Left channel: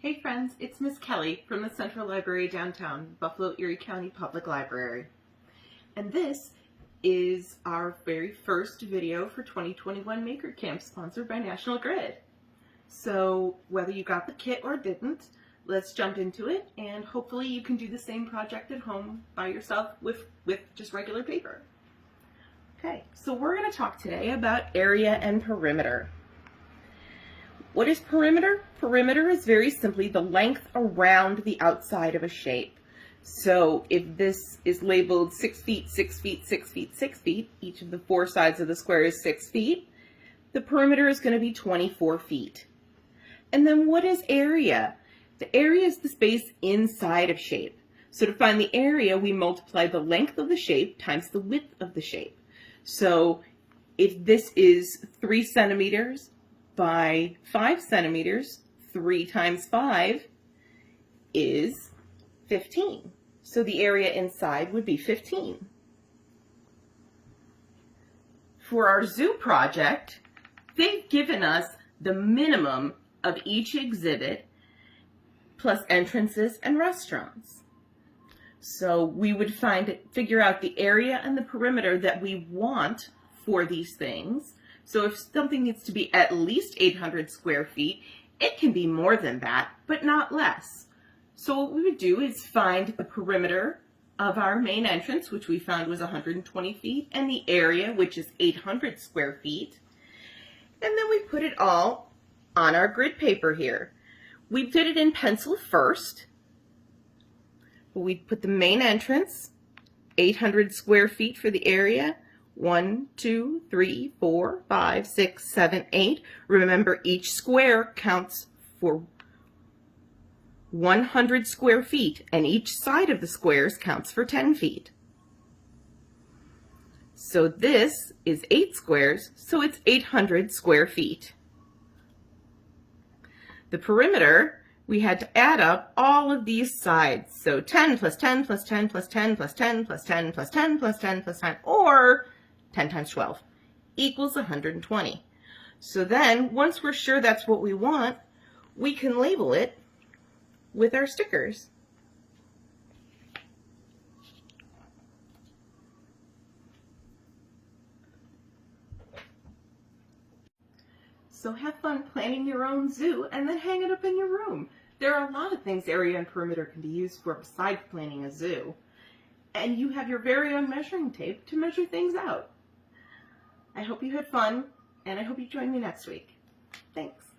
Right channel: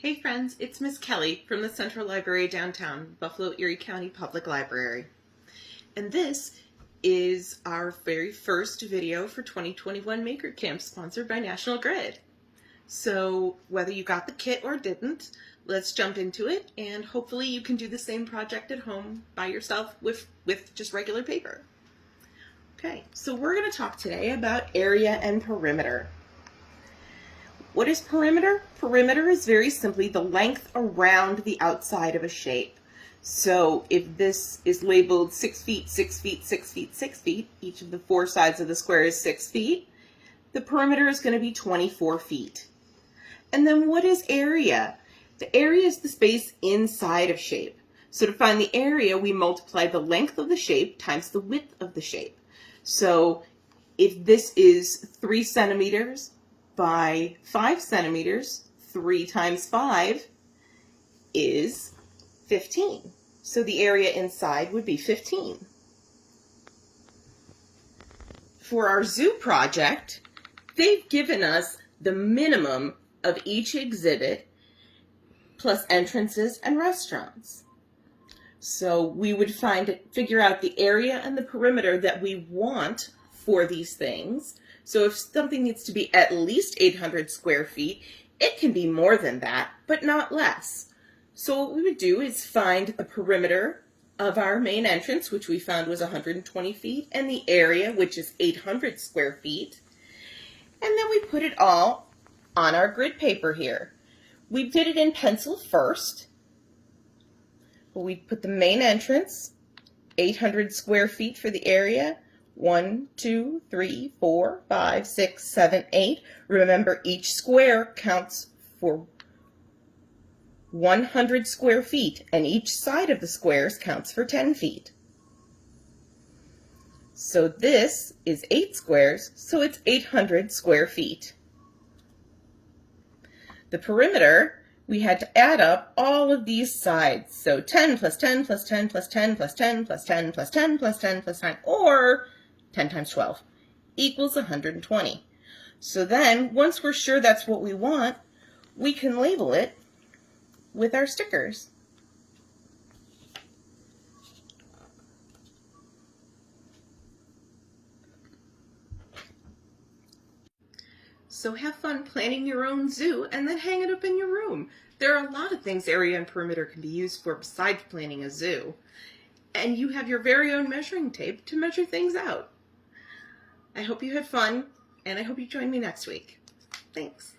Hey friends, it's Miss Kelly from the Central Library downtown, Buffalo Erie County Public Library. And this is our very first video for 2021 Maker Camp sponsored by National Grid. So whether you got the kit or didn't, let's jump into it and hopefully you can do the same project at home by yourself with just regular paper. Okay, so we're going to talk today about area and perimeter. What is perimeter? Perimeter is very simply the length around the outside of a shape. So if this is labeled 6 feet, 6 feet, 6 feet, 6 feet, each of the four sides of the square is 6 feet, the perimeter is going to be 24 feet. And then what is area? The area is the space inside of shape. So to find the area, we multiply the length of the shape times the width of the shape. So if this is 3 centimeters, by 5 centimeters, 3 times 5 is 15. So the area inside would be 15. For our zoo project, they've given us the minimum of each exhibit plus entrances and restaurants. So we would figure out the area and the perimeter that we want for these things. So if something needs to be at least 800 square feet, it can be more than that, but not less. So what we would do is find the perimeter of our main entrance, which we found was 120 feet, and the area, which is 800 square feet. And then we put it all on our grid paper here. We did it in pencil first. We put the main entrance, 800 square feet for the area, 1, 2, 3, 4, 5, 6, 7, 8. Remember, each square counts for 100 square feet, and each side of the squares counts for 10 feet. So this is 8 squares, so it's 800 square feet. The perimeter, we had to add up all of these sides. So 10 plus 10 plus 10 plus 10 plus 10 plus 10 plus 10 plus 10 plus 10, or 10 times 12 equals 120. So then, once we're sure that's what we want, we can label it with our stickers. So have fun planning your own zoo and then hang it up in your room. There are a lot of things area and perimeter can be used for besides planning a zoo. And you have your very own measuring tape to measure things out. I hope you had fun, and I hope you join me next week. Thanks.